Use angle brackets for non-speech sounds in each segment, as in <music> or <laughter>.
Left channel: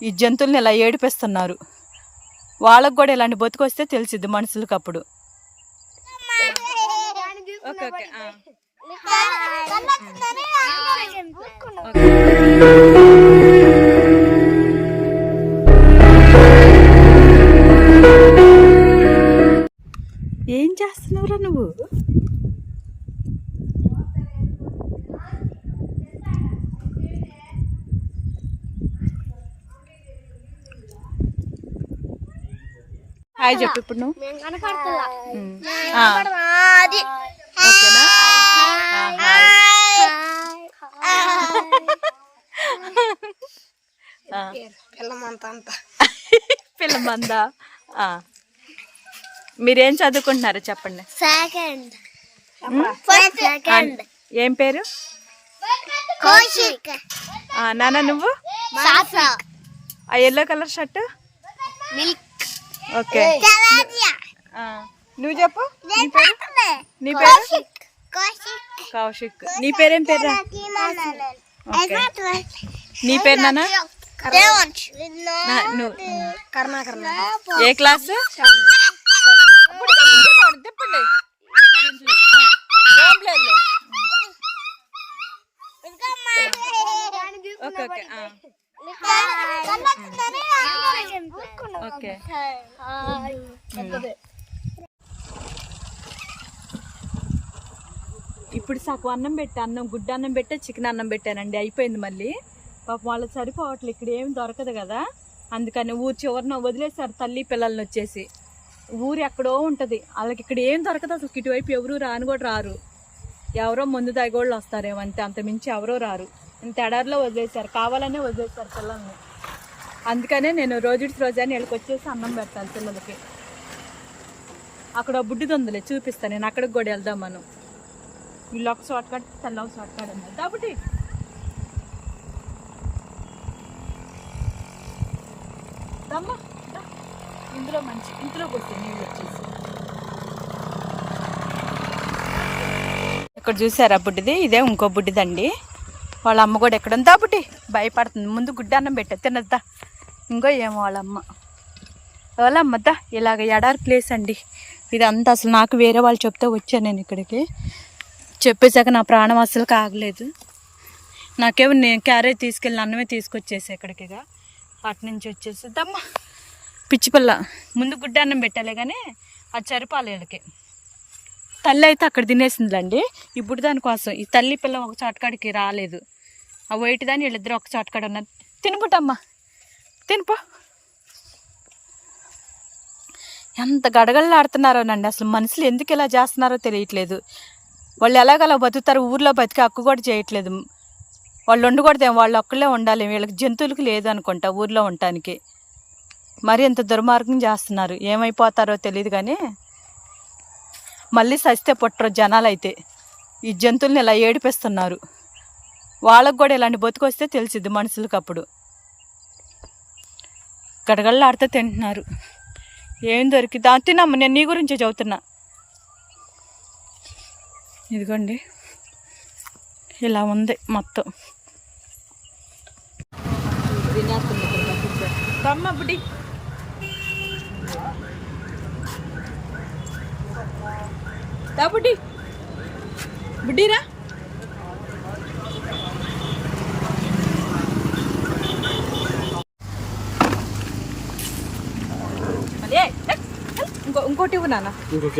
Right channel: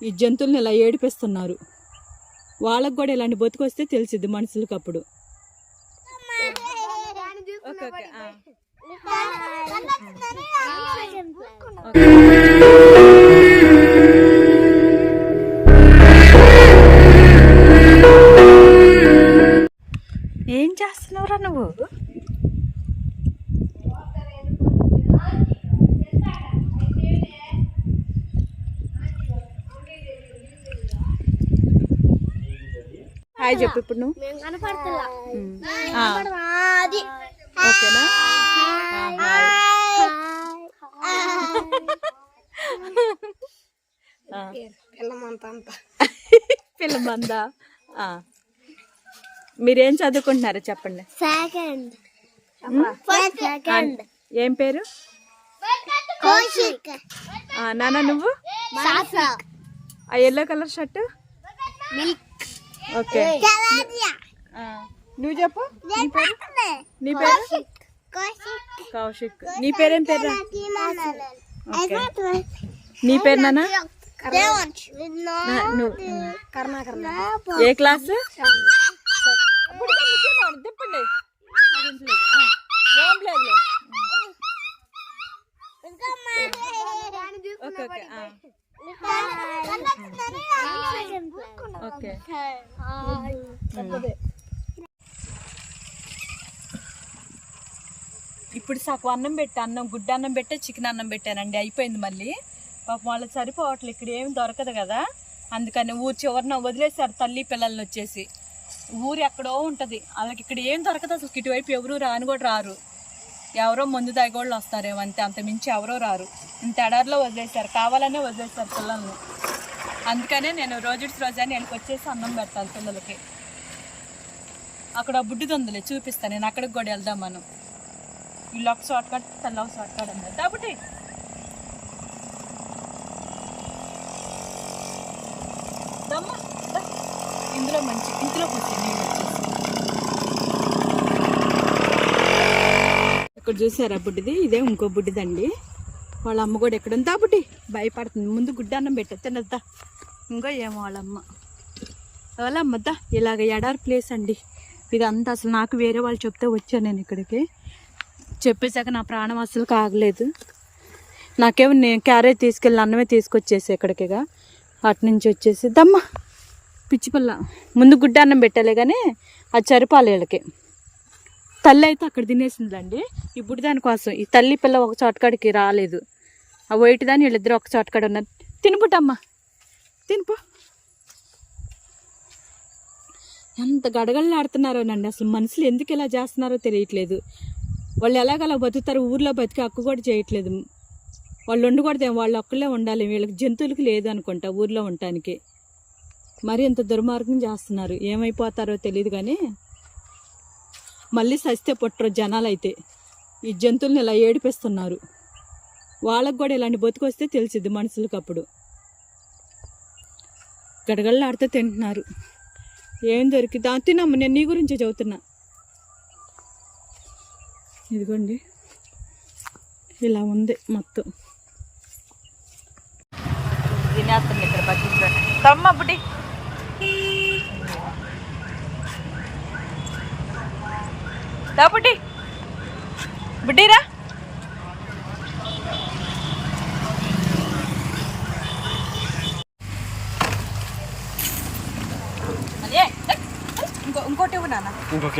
ఈ జంతువుల్ని ఇలా ఏడిపిస్తున్నారు. వాళ్ళకు కూడా ఇలాంటి బతుకొస్తే తెలిసిద్ది మనుషులకు అప్పుడు ఓకే ఏం చేస్తున్నావురా నువ్వు? హాయ్ చెప్పు ఇప్పుడు నువ్వు. ఓకేనా? పిల్ల మందా. మీరేం చదువుకుంటున్నారో చెప్పండి. సెకండ్. సెకండ్. ఏం పేరు? కౌశిక్. నాన్న నువ్వు? ఆ yellow colour shirt milk. Okay. నువ్వు చెప్పు. నీ పేరు? కౌశిక్. నీ పేరేం పేరు? నీ పేరు నాన్న దేవంశ్ నా- నువ్వు కర్ణాకర్ ఏ క్లాస్? తిప్పండి ఏం లేదులే ఓకే ఓకే. ఓకే ఇప్పుడు సాకు అన్నం పెట్టి అన్నం గుడ్డ అన్నం పెట్టే చికెన్ అన్నం పెట్టానండి. అయిపోయింది మళ్ళీ. పాపం వాళ్ళకి సరిపోవట్లేదు ఇక్కడ ఏం దొరకదు కదా. అందుకని ఊరు చివరిన వదిలేశారు తల్లి పిల్లల్ని వచ్చేసి. ఊరు ఎక్కడో ఉంటుంది. వాళ్ళకి ఇక్కడ ఏం దొరకదు అసలు. ఇటువైపు ఎవరు రాని కూడా రారు. ఎవరో ముందు దాగోళ్ళు వస్తారేమో అంతే. అంత మించి ఎవరో రారు. ఇంత ఎడారిలో వదిలేశారు. కావాలనే వదిలేశారు పిల్లల్ని. అందుకనే నేను రోజు రోజాని వీళ్ళకి వచ్చేసి అన్నం పెట్టాలి పిల్లలకి. అక్కడ బుడ్డిది ఉందిలే చూపిస్తాను నేను అక్కడికి కూడా వెళ్దాం మనం వీళ్ళు ఒక షార్ట్ కట్ తల్ల ఒక షార్ట్ కట్ అన్నారు. కాబట్టి దమ్మా ఇందులో మంచి ఇంట్లోకి వచ్చి నీళ్ళు వచ్చేసి. ఇక్కడ చూసారా బుడ్డిది? ఇదే ఇంకో బుడ్డిదండి. వాళ్ళ అమ్మ కూడా ఎక్కడ ఉందా? బుడ్డి భయపడుతుంది. ముందు గుడ్డ అన్నం పెట్టే తినద్దా? ఇంకో ఏమో వాళ్ళ అమ్మ. వాళ్ళ అమ్మద్దా ఇలాగ ఎడారి ప్లేస్ అండి. ఇదంతా అసలు నాకు వేరే వాళ్ళు చెప్తే వచ్చాను నేను ఇక్కడికి. చెప్పేశాక నా ప్రాణం అసలు కాగలేదు. నాకేమో నేను క్యారేజ్ తీసుకెళ్ళి అన్నమే తీసుకొచ్చేసి ఇక్కడికిగా. అటు నుంచి వచ్చేసి దమ్మ పిచ్చిపల్ల ముందు గుడ్డ అన్నం పెట్టాలి కానీ అది చరిపాలి వీళ్ళకి. తల్లి అయితే అక్కడ తినేసిందిలేండి. ఇప్పుడు దానికోసం ఈ తల్లి పిల్ల ఒక చోటకాడికి రాలేదు. ఆ వైట్ దాని వీళ్ళిద్దరు ఒక చోట కూడా ఉన్నారు. తినుపుటమ్మా తినుపో. ఎంత గడగడలాడుతున్నారోనండి. అసలు మనుషులు ఎందుకు ఇలా చేస్తున్నారో తెలియట్లేదు. వాళ్ళు ఎలాగలా బతుకుతారు? ఊర్లో బతికి హక్కు కూడా చేయట్లేదు. వాళ్ళు ఉండకూడదు వాళ్ళు ఒక్కళ్ళే ఉండాలి. వీళ్ళకి జంతువులకు లేదు అనుకుంటా ఊర్లో ఉండటానికి. మరి ఎంత దుర్మార్గం చేస్తున్నారు. ఏమైపోతారో తెలియదు కానీ మళ్ళీ సస్తే పుట్టరు జనాలు అయితే ఈ జంతువుల్ని ఇలా ఏడిపిస్తున్నారు. వాళ్ళకు కూడా ఇలాంటి బతుకొస్తే తెలిసిద్ది మనుషులకు అప్పుడు. గడగడలాడితే తింటున్నారు. ఏం దొరికింది తినమ్మ నేను నీ గురించే చదువుతున్నా. ఇదిగోండి. ఇలా ఉంది మొత్తం. తినేస్తుంది ఇక్కడ బకెట్ తమ్మ బుడ్డి. దా బుడ్డి. బుడ్డిరా అదే ఇంకో ఇంకోటి ఇవ్వు నాన్న ఇంకొక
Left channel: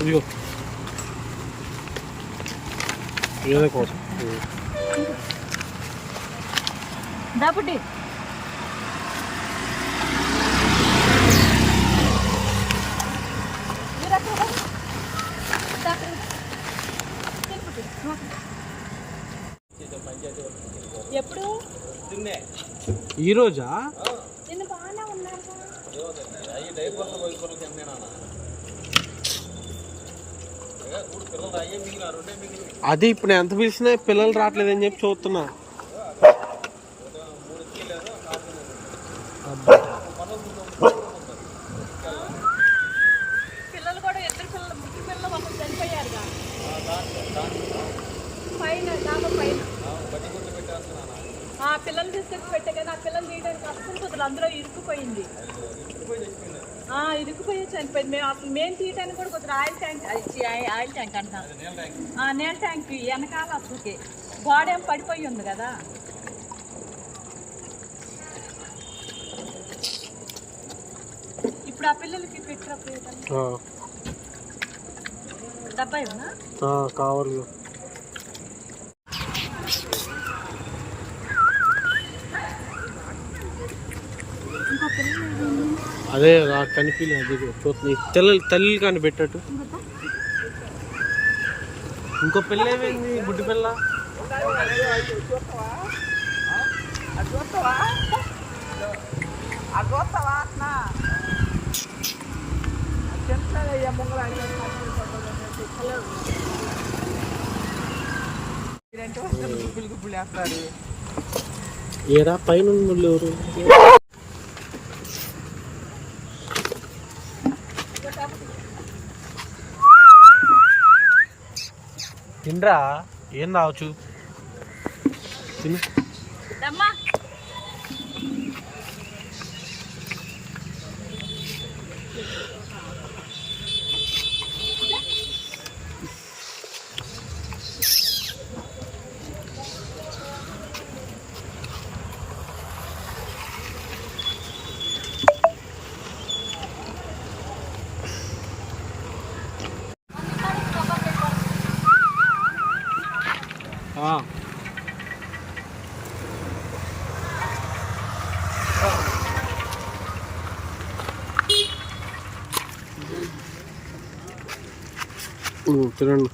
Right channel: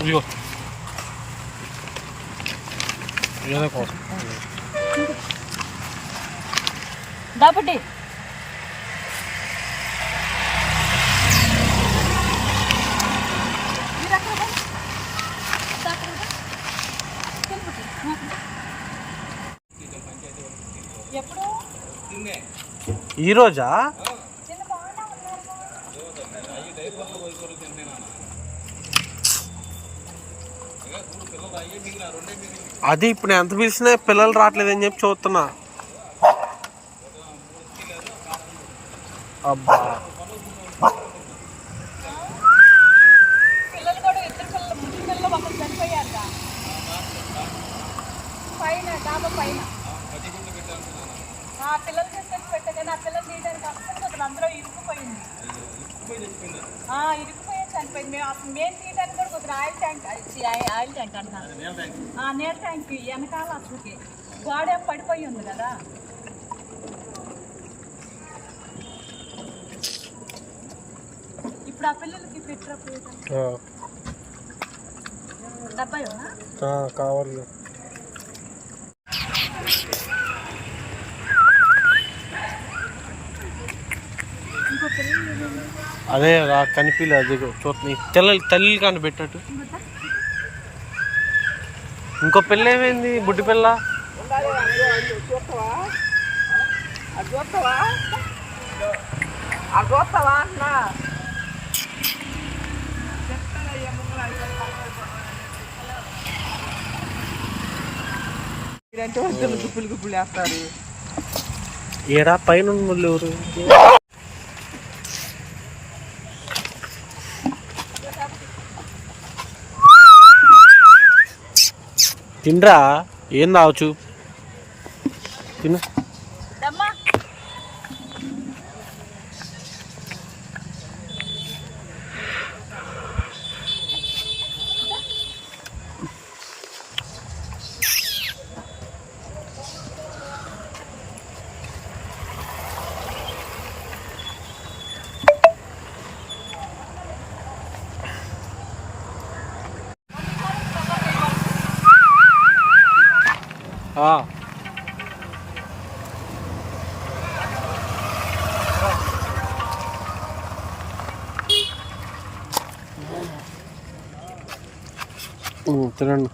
ఇదిగో ఏదో కోసం దా బుడ్డి ఎప్పుడు ఈ రోజా నిన్న బాగానే ఉన్నారు అది ఇప్పుడు ఎంత పిలిచినా పిల్లలు రావట్లేదని చెప్పి చూస్తున్నా. అబ్బా. పిల్లలు తీసుకొచ్చి పెట్టా కానీ ఆ పిల్లలు తీయడానికి అస్సలు కుదరదు. అందులో ఇరుక్కుపోయింది. ఆ, ఇరుక్కుపోయే చనిపోయింది. మేము అసలు మేము తీయడానికి కూడా కుదరదు ఆయిల్ ట్యాంక్ ఆయిల్ ట్యాంక్ అంటాం. ఆ నీళ్ళ ట్యాంక్ వెనకాల వస్తుంది గోడ ఏం పడిపోయి ఉంది కదా. ఇప్పుడు ఆ పిల్లలకి పెట్టరు ఆ, డబ్బా కావాలి. అదే రా కనిపించలే అది చూస్తుంది తెల్ల తల్లి కానీ పెట్టట్టు. ఇంకో పిల్ల ఏమైంది? బుడ్డి పిల్ల ఏడా పైన ఎవరు? తిండ్రా ఏం తావచ్చు తిను. ఉమ్, తినండి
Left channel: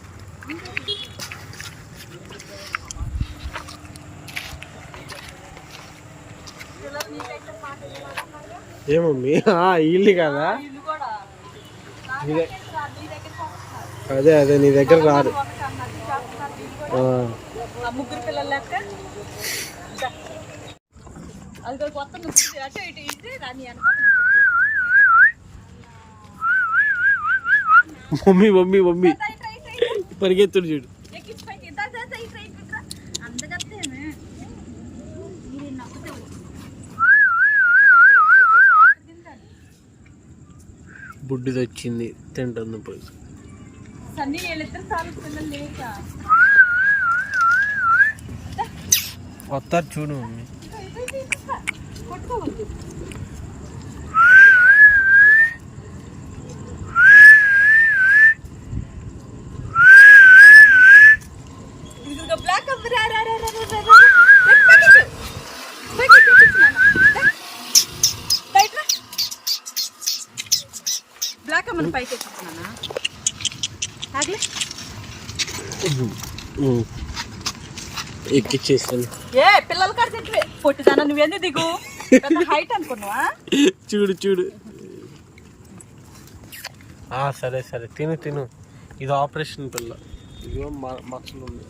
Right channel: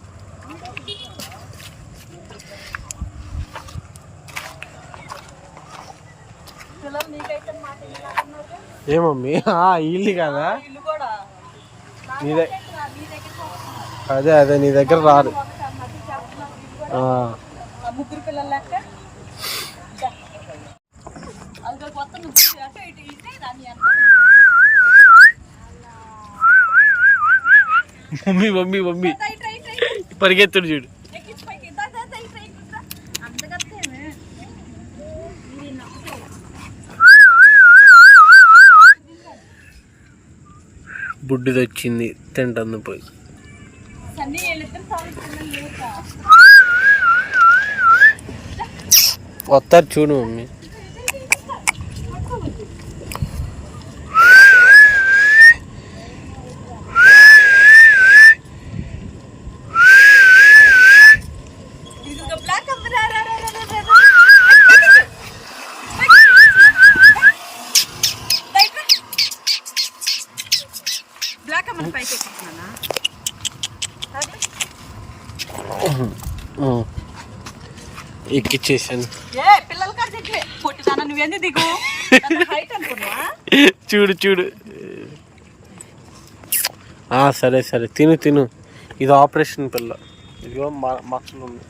పిల్లలు నీకైతే మాట వినలాగన్నారుగా ఏ మమ్మీ ఆ, ఇల్లు కదా అదే అదే నీ దగ్గర రారు ముగ్గురు పిల్లలు లెక్క దా. అదిగో కొత్త ముగ్గురు అటు ఇటు ఇటే అనుకో మమ్మీ మమ్మీ మమ్మీ. పరిగెత్తుడు చూడు. బుడ్డిది వచ్చింది తింటుంది పోయి. సన్నీ వీళ్ళిద్దరు పిల్లలు లేక వస్తారు చూడు మమ్మీ. పైకి ఎక్కిచ్చేసాను. ఏ చూడు చూడు. సరే సరే. తిను తిను. ఇది ఆపరేషన్ పిల్ల. ఇదిగో మ- మచ్చలు ఉంది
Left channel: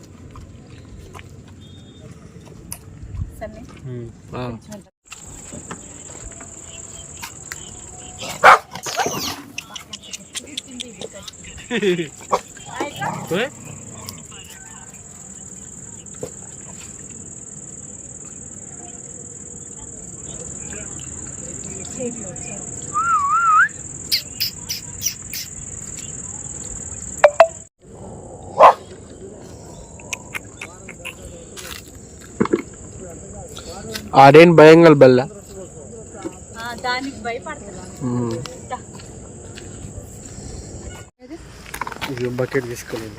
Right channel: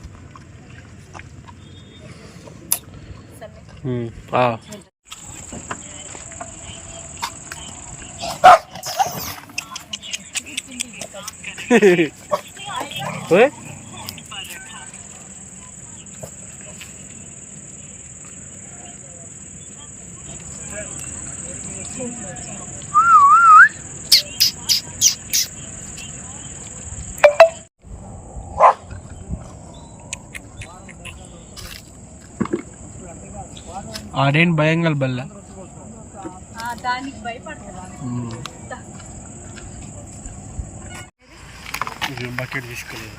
సన్నీ. <laughs> ఆ. ఓయ్. ఆడేం భయంగా బెల్ల ఆ, దానికి భయపడుతున్నా ఇది బకెట్ తీసుకోలేదు